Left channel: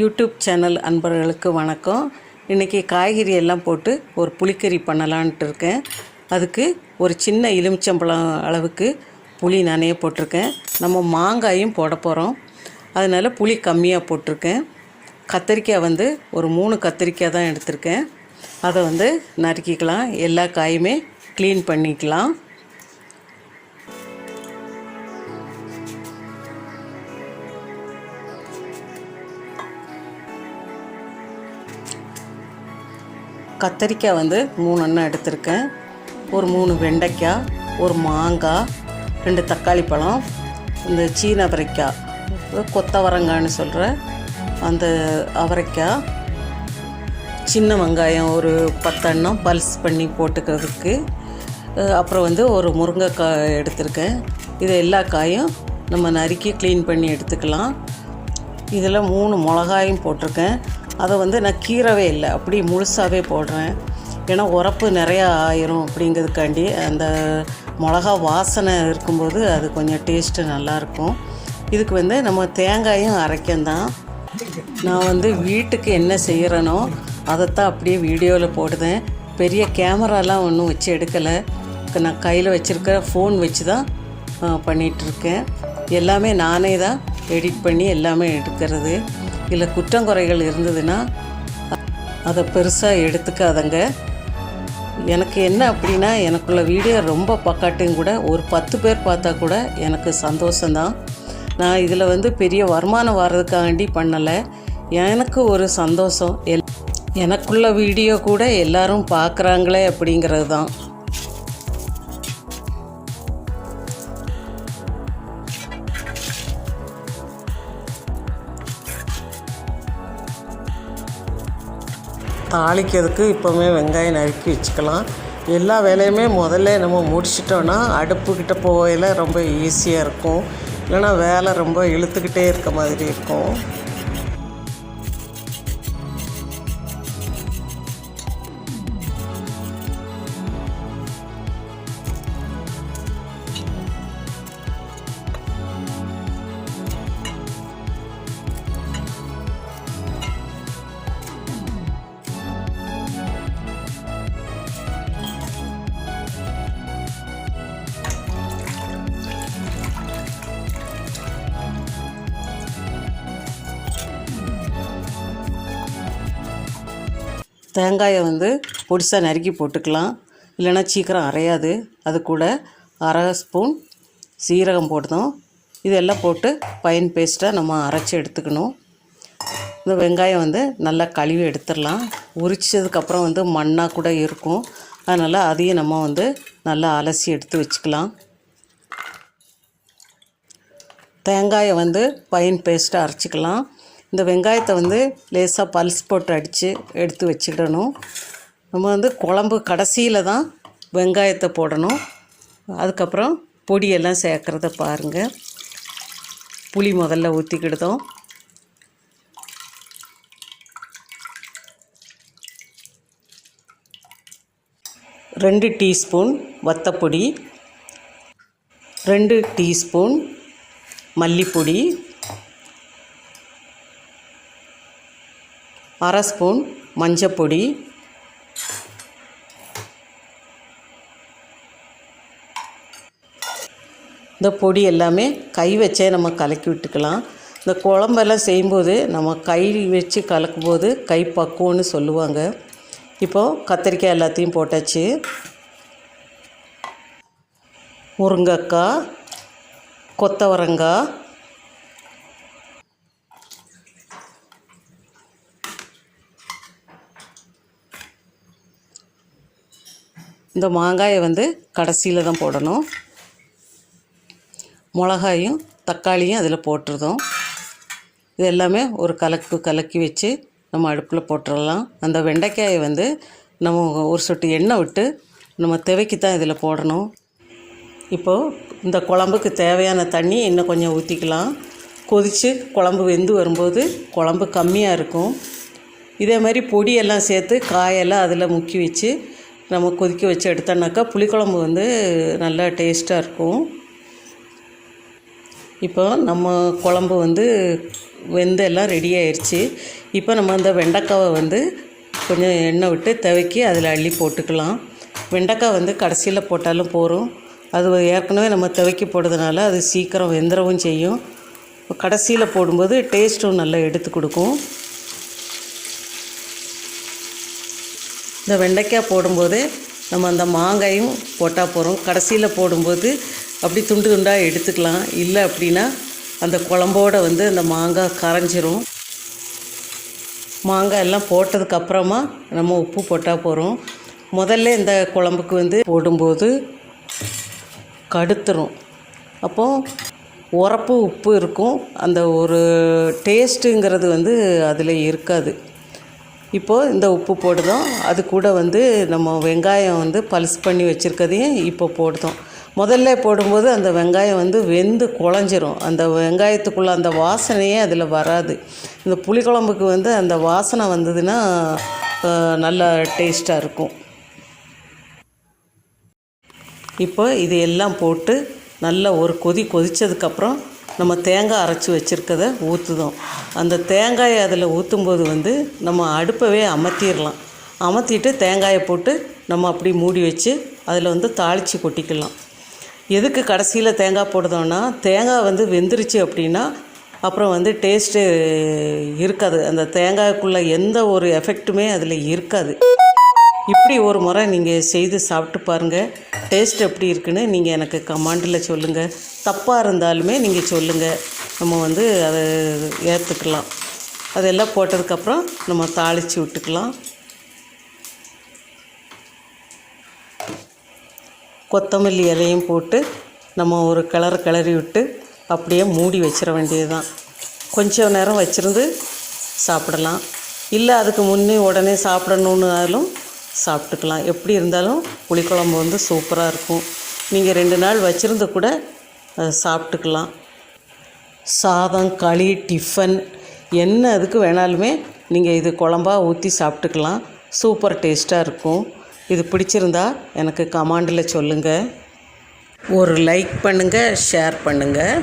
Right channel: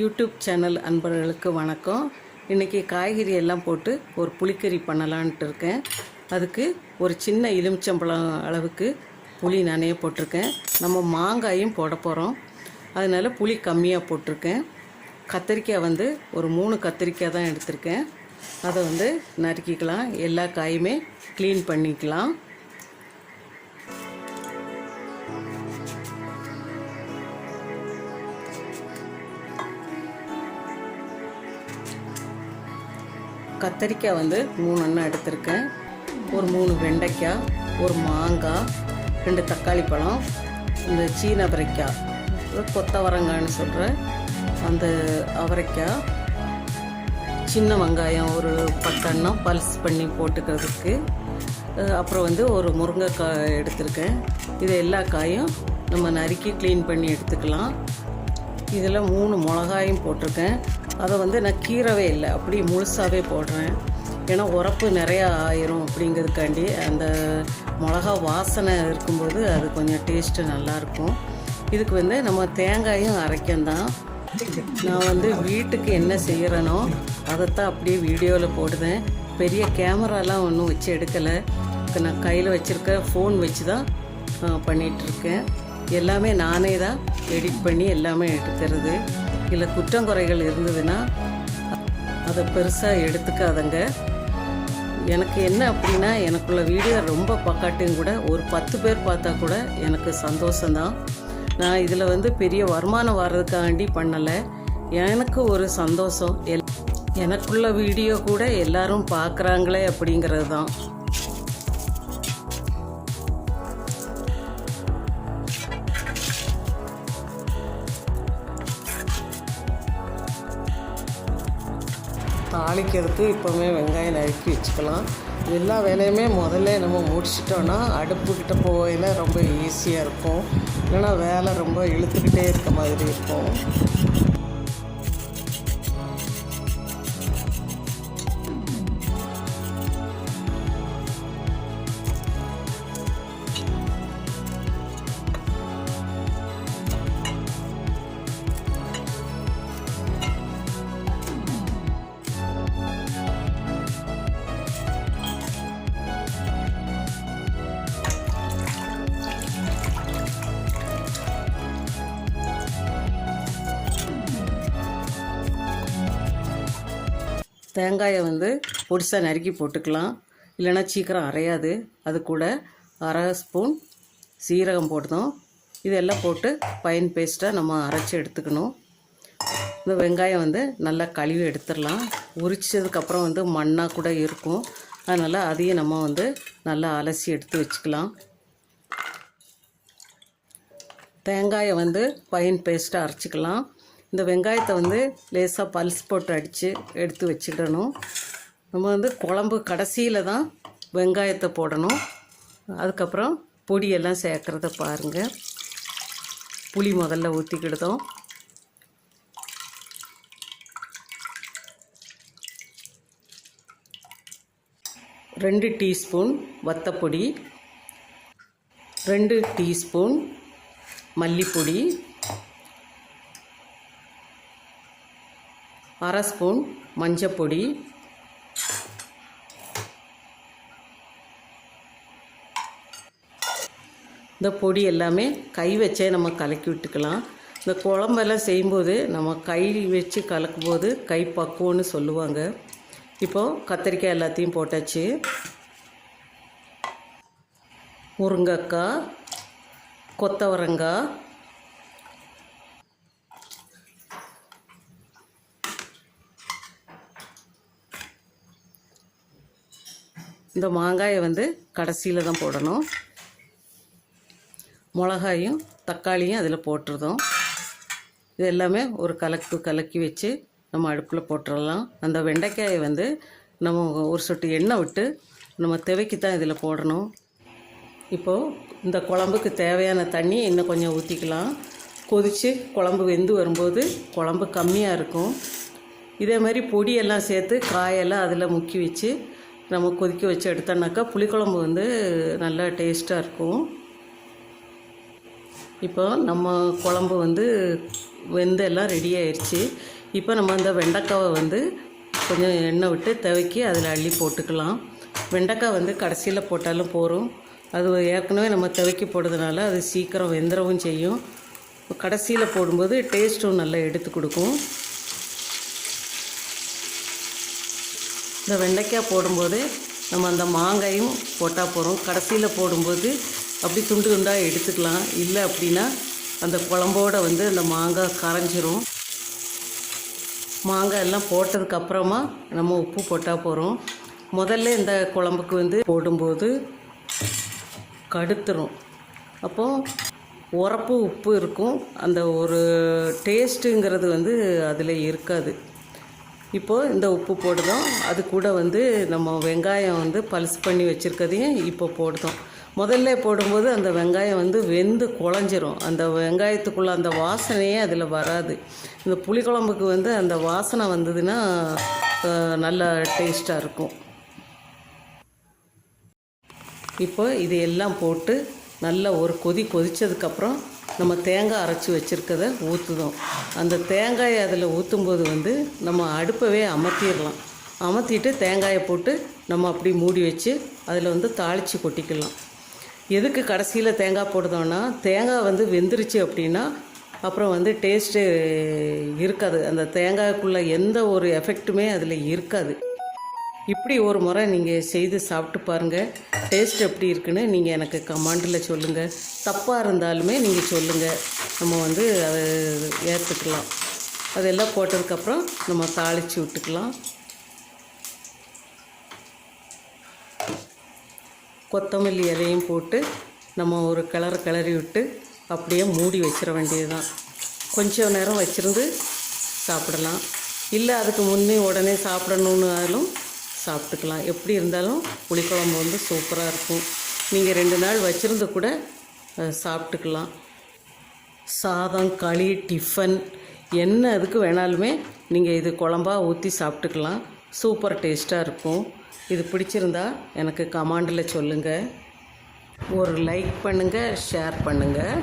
YouTube channel அன்பர்களுக்கு வணக்கம். இன்றைக்கி காய்கறி எல்லாம் போட்டு ஒரு புளிக்கறி பண்ணலான்ட்டு இருக்கேன். அதுக்கு ஒரு சின்ன எலுமிச்சம்பழம் அளவுக்கு புளி நானே போட்டிருக்கேன். நம்ம மாங்காயும் போட போகிறோம், அதனால் புளி கம்மியாக போட்டிருக்கேன். கத்திரிக்காய் ஒரு 3 கத்திரிக்காய் தான் எடுத்திருக்கேன். அதை நறுக்கிக்கலாம். எல்லா காயுமே க்ளீன் பண்ணிக்கலாம். கத்திரிக்காய் 3 எண்ணெய் எடுத்திருக்கேன். ஒரு 3 வெண்டைக்காய், ஒரு மாங்காய், 2 தக்காளி பழம், இந்த சீன அவரைக்காய், கொத்தவரங்கான்னு சொல்கிற அந்த அவரைக்காய், சின்ன வெங்காயம் ஒரு 10 எண்ணம் பல்ஸ் பண்ணி போட்டுக்கிறதுக்கு, அப்புறம் ஒரு முருங்கைக்காய் எடுத்திருக்கேன். இது எல்லா காயும் நம்ம நறுக்கி க்ளீன் பண்ணி எடுத்துக்கலாம். இதில் 3 மிளகாயும் போட்டிருக்கேன். அதை நான் கீறவே இல்லை, அப்படி முழுசாகவே போடுறேன். ஏன்னா உரப்பு நிறையா ஆயிரும் அப்படிங்கிறதுக்காண்டி. அந்த மிளகா வாசனை இருக்கும்போது அது கொஞ்சம் டேஸ்ட்டு நல்லாயிருக்கும். இதுக்கு நம்ம தேங்காயும் அரைக்கந்தான். நான் வீட்டுக்கு என்ன செய்கிறேனோ அதைத்தான் அப்படியே வீடியோவில் போடுதேன். பெரிய கேமராலாம் ஒன்றும் வச்சு எடுக்கலை. இப்போ நான் கையில் வச்சுருக்க ஃபோன் வச்சு தான் பண்ணிகிட்ருக்கேன். எல்லாமே நானே தான் எடிட் பண்ணி எல்லாமே எடுக்கிறது. இதில் குற்றங்குறைகள் இருந்ததுன்னா அதை பெருசாக எடுத்துக்காதங்க. எனக்கு என்ன அப்படின்னா, எனக்குள்ள வீடியோ ரொம்ப பக்காட்டும் கூட ஒரு 10 பேர் பார்த்தா கூட எனக்கு சந்தோஷந்தான். நான் இதில் பெரிய வருமானம் வர்றதுக்காண்டி பண்ணலை, எனக்கு ஒரு சந்தோஷம். எனக்குள்ள வீடியோ கூட எல்லாரும் பார்க்குறாங்களே அப்படிங்கிறது தான். தாளிக்கிறதுக்கு இப்போவுமே வெங்காயம் நறுக்கி வச்சுக்கலாம். எல்லா வேலையுமே முதல்ல நம்ம முடிச்சிட்டோன்னா அடுப்புக்கிட்ட போகையில் ரொம்ப ஈஸியாக இருக்கும். இல்லைன்னா வேலை ரொம்ப இழுத்துக்கிட்டே இருக்க மாதிரி இருக்கும். தேங்காயை பொடிசாக நறுக்கி போட்டுக்கலாம், இல்லைன்னா சீக்கிரம் அரையாது. அது கூட 1/2 ஸ்பூன் சீரகம் போட்டோம். இதெல்லாம் போட்டு ஃபைன் பேஸ்ட்டாக நம்ம அரைச்சி எடுத்துக்கணும். இந்த வெங்காயம் நல்லா கழுவி எடுத்துடலாம். உரிச்சதுக்கப்புறம் மண்ணாக கூட இருக்கும், அதனால் அதையும் நம்ம நல்லா அலசி எடுத்து வச்சுக்கலாம். தேங்காயை ஃபைன் பேஸ்ட்டாக அரைச்சிக்கலாம். இந்த வெங்காயத்தை லேசாக பல்ஸ் போட்டு அடித்து எடுத்து வச்சுக்கிடணும். நம்ம குழம்பு கடைசியில் தான் வெங்காயத்தை போடணும். அதுக்கப்புறம் பொடியெல்லாம் சேர்க்குறத பாருங்கள். புளி முதல்ல ஊற்றிக்கிடுதோம். ரெண்டு டீஸ்பூன் வத்தப்பொடி, 2 டீஸ்பூன் மல்லிப்பொடி, 1/2 ஸ்பூன் மஞ்சப்பொடி, இந்த பொடி எல்லாமே கை வச்சே நம்ம கலக்கி விட்டுக்கலாம். இந்த குழம்பெல்லாம் செய்யும்போது நம்ம கை வச்சு கலக்கும்போது கை பக்குவம்னு சொல்லுவாங்க. இப்போது கத்திரிக்காய் எல்லாத்தையும் போட்டாச்சு. முருங்கைக்காய், கொத்தவரங்காய், இந்த மாங்காயை கடைசியில் தான் போடணும். மிளகாயும் தக்காளியும் அதில் போட்டுருதோம். இது எல்லாமே ஒரு கலக்கி வச்சு நம்ம அடுப்பில் போட்டுடலாம். அந்த வெண்டைக்காயை நம்ம ஒரு சொட்டு எண்ணெய் விட்டு நம்ம துவைக்கி தான் இதில் போடணும். இப்போது இந்த குழம்புக்கு தேவையான தண்ணி இன்னும் கொஞ்சம் ஊற்றிக்கலாம். கொதித்து குழம்பு வெந்து வரும்போது குழம்பு கம்மியாக இருக்கும். இதே மாதிரி பொடியெல்லாம் சேர்த்து காயெல்லாம் அதில் முக்கி வச்சு நம்ம கொதிக்க வச்சு எடுத்தோன்னாக்கா புளிக்குழம்பு நல்லா டேஸ்ட்டாக இருக்கும். இப்போ நம்ம குழம்பு வெந்து எல்லாம் ரெடி ஆயிடுச்சு. இப்போ நம்ம இந்த வெண்டைக்காவை வந்து கொஞ்சம் எண்ணெய் விட்டு துவக்கி அதில் அள்ளி போட்டுக்கலாம். வெண்டைக்காய் வந்து கடைசியில் போட்டாலும் போதும். அது ஏற்கனவே நம்ம துவக்கி போடுறதுனால அது சீக்கிரம் வெந்துடவும் செய்யும். கடைசியில் போடும்போது டேஸ்ட்டும் நல்லா எடுத்து கொடுக்கும். இந்த வெண்டைக்காய் போடும்போது நம்ம அந்த மாங்காயும் போட்டால் போகிறோம். கடைசியில் போடும்போது அப்படி துண்டு துண்டாக எடுத்துக்கலாம். இல்லை அப்படின்னா அந்த குழம்போடு வந்து அந்த மாங்காய் கரைஞ்சிரும். மாங்காய் எல்லாம் போட்டதுக்கப்புறமா நம்ம உப்பு போட்டால் போகிறோம். முதல்ல இந்த குழம்புக்கு வந்து போடும்போது கடுத்துரும். அப்போது உரப்பு உப்பு இருக்கும். அந்த ஒரு டேஸ்ட்டுங்கிறது வந்து அதில் இருக்காது. இப்போது இந்த உப்பு போடுதோம். அது கூட வந்து நம்ம வெங்காயம் வந்து பல்ஸ் பண்ணி வச்சுருக்கதையும் இப்போ போடுதோம். முதல்ல போடும்போது அந்த வெங்காயம் வந்து வெந்து குழஞ்சிரும். அந்த வெங்காயத்துக்குள்ளே அந்த வாசனையே அதில் வராது. இந்த புளிக்குழம்புக்கு வந்து அந்த வாசனை வந்ததுன்னா நல்லா டேஸ்ட்டாக இருக்கும். இப்போ இது எல்லாம் போட்டு நல்லா ஒரு கொதித்ததுக்கப்புறம் நம்ம தேங்காய் அரைச்சி வச்சுருக்கதை ஊற்றுதோம். அந்த தேங்காயை அதில் ஊற்றும்போது வந்து நம்ம அடுப்பவே அமர்த்திடலாம். அமர்த்திட்டு தேங்காயை போட்டு நம்ம அப்படி மூடி வச்சு அதில் வந்து தாளித்து கொட்டிக்கலாம். எதுக்கு கடைசியில் தேங்காய் போடுதோன்னா, தேங்காய் வந்து வெந்துருச்சு அப்படின்னா அப்புறம் வந்து டேஸ்ட்டு இருக்காது. அந்த தேங்காய்க்குள்ளே எந்த ஒரு எஃபெக்ட்டுமே அதில் இருக்காது. இப்படி ஒரு முறை நீங்கள் செய்து சாப்பிட்டு பாருங்கள். டேஸ்ட் எப்படி இருக்குன்னு நீங்கள் எனக்கு கமெண்டில் சொல்லுங்கள். தப்பாக இருந்தாலுமே நீங்கள் சொல்லுங்கள். நம்ம வந்து அதை ஏற்றுக்கலாம். அதெல்லாம் போட்டதுக்கப்புறம் நம்ம தாளித்து விட்டுக்கலாம். கொத்தமல்லி இலையும் போட்டு நம்ம ஒரு கிளறி விட்டு அப்படியே மூடி வச்சிட வேண்டியது தான். கொஞ்சம் நேரம் வச்சுருந்து சாப்பிடலாம். இல்லை அதுக்கு முன்னே உடனே சாப்பிடணுன்னாலும் சாப்பிட்டுக்கலாம். எப்படி இருந்தாலும் புளிக்குழம்பு வந்து சூப்பராக இருக்கும். நீங்கள் 2 நாள் வச்சுருந்து கூட சாப்பிட்டுக்கலாம். சாதம், களி, டிஃபன் என்ன அதுக்கு வேணாலுமே நீங்கள் இது குழம்பா ஊற்றி சாப்பிட்டுக்கலாம். சூப்பர் டேஸ்ட்டாக இருக்கும். இது பிடிச்சிருந்தா எனக்கு கமெண்டில் சொல்லுங்கள். ஒரு லைக் பண்ணுங்கள், ஷேர் பண்ணுங்கள்.